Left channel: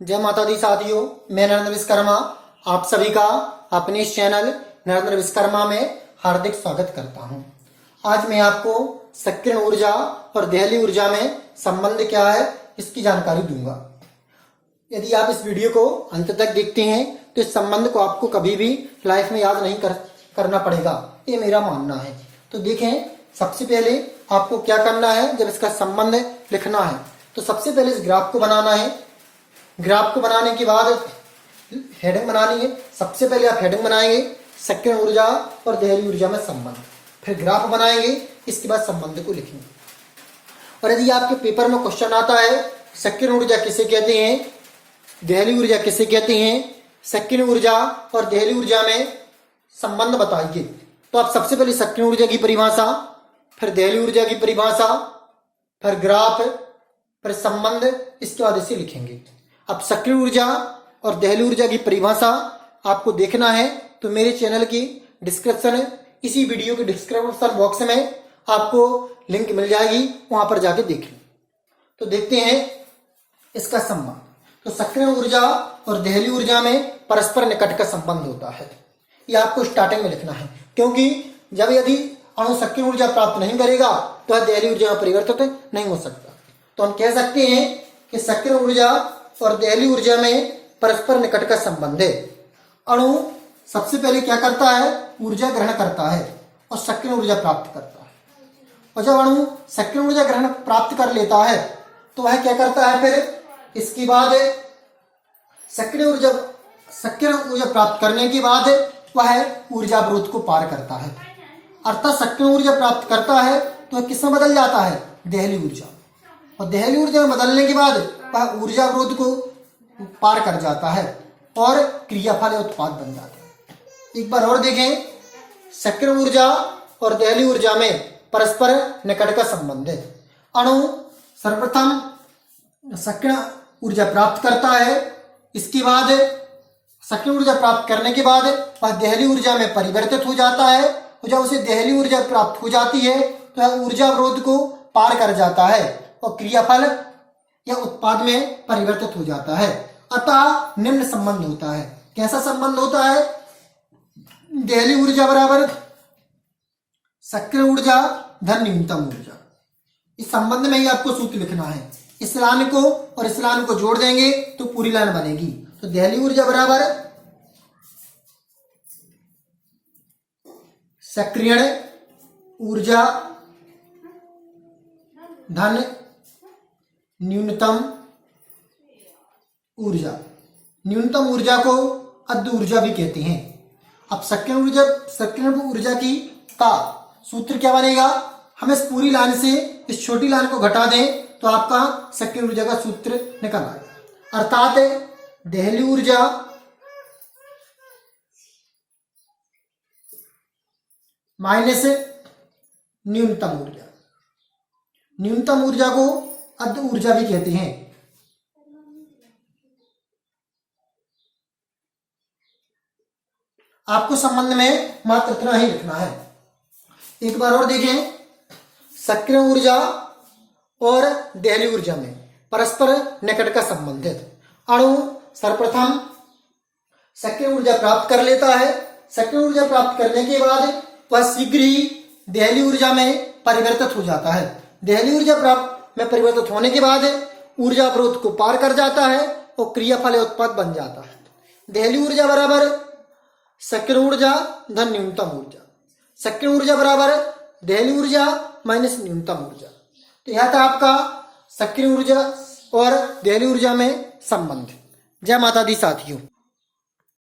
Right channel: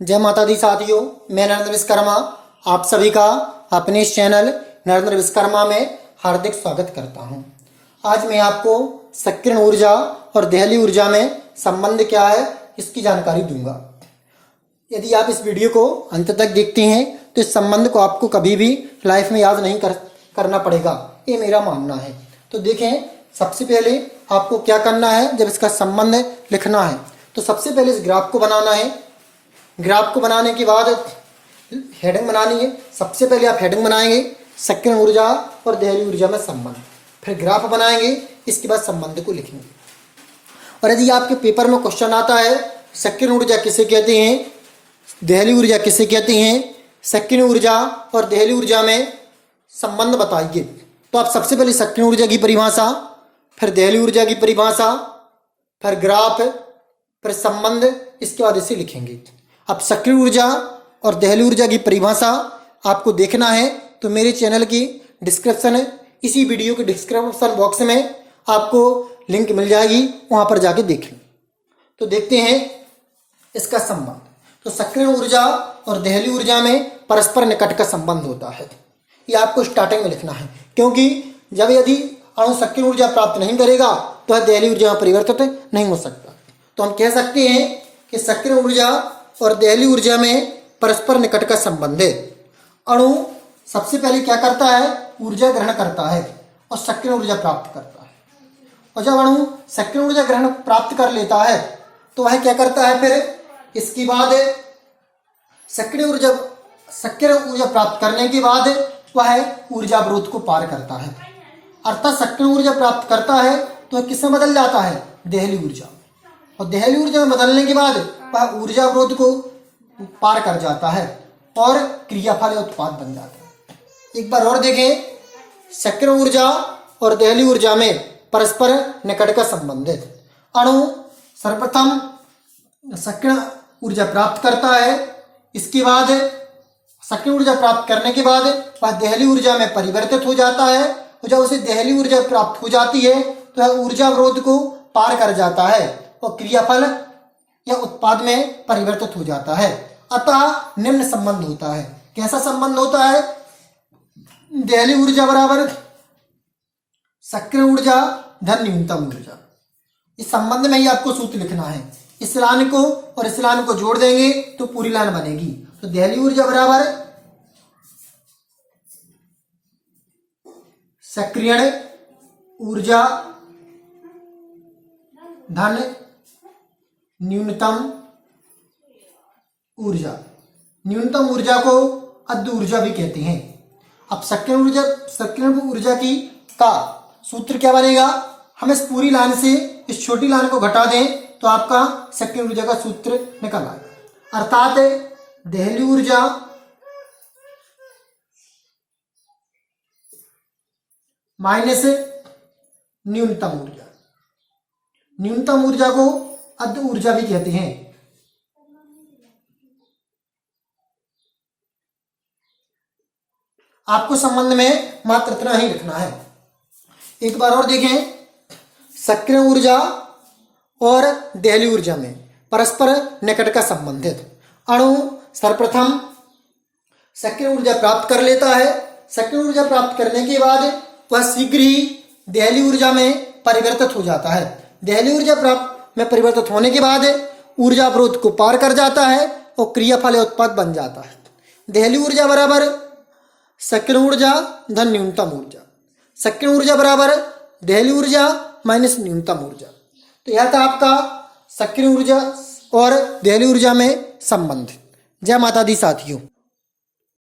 जय माता दी साथियों, मैं नरेंद्र विश्वकर्मा आप सभी का अपने इस चैनल नरेंद्र विश्वकर्मा में हार्दिक स्वागत करता हूं। आज मैं आपको सक्रिय ऊर्जा और देहली ऊर्जा में संबंध क्या है इसकी जानकारी दूंगा। यदि आप इस वीडियो को अंत तक देखते हैं तो इस संबंध को आपको कभी भी लाइफ में याद नहीं करना पड़ेगा, ये मेरा मानना है। तो देखें, सबसे पहले आपको क्या करना है। जब इसका संबंध लिखना है तो सबसे पहले इस ग्राफ को बनाना है। ग्राफ को बनाने के बाद हेडिंग बनानी है। सबसे पहले आप हेडिंग बनाएंगे सक्रिय ऊर्जा और देहली ऊर्जा में संबंध, फिर ग्राफ बनाएंगे, इसके बाद संबंध को लिखेंगे। और यदि आपके पेपर में क्वेश्चन आता है सक्रिय ऊर्जा किसे कहते हैं, देहली ऊर्जा किसे कहते हैं, सक्रिय ऊर्जा और देहली ऊर्जा में संबंध बताइए, तो आप सबसे पहले सक्रिय ऊर्जा की परिभाषा, फिर देहली ऊर्जा की परिभाषा, फिर ग्राफ, फिर संबंध, इसके बाद इसे लिखेंगे। अब सक्रिय ऊर्जा और देहली ऊर्जा की परिभाषा आपको देखना है तो मेरे चैनल की इसी वीडियो के डिस्क्रिप्शन बॉक्स में आपको लिंक मिल जाएगी, वहां पर जाके देखें। तो देखते हैं इसका संबंध। तो सक्रिय ऊर्जा और देहली ऊर्जा में परस्पर निकट का संबंध होता है, ये आपको स्टार्टिंग में लिखना है, क्योंकि यदि अणु सक्रिय ऊर्जा प्राप्त नहीं करेगा तो यह देहली ऊर्जा में परिवर्तित नहीं हो सकता। तो हम कह सकते हैं कि सक्रिय ऊर्जा और देहली ऊर्जा में परस्पर निकट का संबंध है। अणु सबसे पहले क्या करता है, ऊर्जा ग्रहण करता है और सक्रिय ऊर्जा प्राप्त करता है। और जब अणु सक्रिय ऊर्जा ग्रहण प्राप्त कर लेता है तो वह क्या करता है, फिर इसके बाद सक्रिय ऊर्जा प्राप्त करने के बाद वह ऊर्जा अवरोध को पार करता है, अर्थात सक्रिय ऊर्जा प्राप्त करता है तो किसमें बदल जाता है, देहली ऊर्जा। और देहली ऊर्जा में बदलने के बाद वह ऊर्जा अवरोध को पार कर जाता है और क्रियाफल या उत्पाद बन जाता है। एक बार और देखें, सक्रिय ऊर्जा और देहली ऊर्जा में परस्पर निकट का संबंध है। अणु सर्वप्रथम सक्रिय ऊर्जा प्राप्त करता है, इसके बाद सक्रिय ऊर्जा प्राप्त करने के बाद वह देहली ऊर्जा में परिवर्तित हो जाता है, और जब उसे देहली ऊर्जा प्राप्त हो जाती है तो वह ऊर्जा अवरोध को पार कर जाता है और क्रियाफल या उत्पाद में परिवर्तित हो जाता है। अतः निम्न संबंध होता है। कैसा संबंध होता है, देहली ऊर्जा बराबर सक्रिय ऊर्जा धन न्यूनतम ऊर्जा। इस संबंध में ही आपको सूत्र लिखना है। इस लाइन को और इस लाइन को जोड़ देंगे तो पूरी लाइन बनेगी। तो देहली ऊर्जा बराबर सक्रिय ऊर्जा धन न्यूनतम ऊर्जा। न्यूनतम ऊर्जा को अद्य ऊर्जा भी कहते हैं। अब सक्रिय ऊर्जा की का सूत्र क्या बनेगा, हम इस पूरी लाइन से इस छोटी लाइन को घटा दें तो आपका सक्रिय ऊर्जा का सूत्र निकल आएगा, अर्थात देहली ऊर्जा माइनस न्यूनतम ऊर्जा। न्यूनतम ऊर्जा को अद्य ऊर्जा भी कहते हैं। आपको संबंध में मात्र इतना ही लिखना है। एक बार और देखें, सक्रिय ऊर्जा और देहली ऊर्जा में परस्पर निकट का संबंध है। अणु सर्वप्रथम सक्रिय ऊर्जा प्राप्त कर लेता है, सक्रिय ऊर्जा प्राप्त करने के बाद वह शीघ्र ही देहली ऊर्जा में परिवर्तित हो जाता है। देहली ऊर्जा प्राप्त में परिवर्तित होने के बाद ऊर्जा अवरोध को पार कर जाता है और क्रियाफल या उत्पाद बन जाता है। देहली ऊर्जा बराबर सक्रिय ऊर्जा धन न्यूनतम ऊर्जा। सक्रिय ऊर्जा बराबर देहली ऊर्जा माइनस न्यूनतम ऊर्जा। तो यह था आपका सक्रिय ऊर्जा और देहली ऊर्जा में संबंध। जय माता दी साथियों।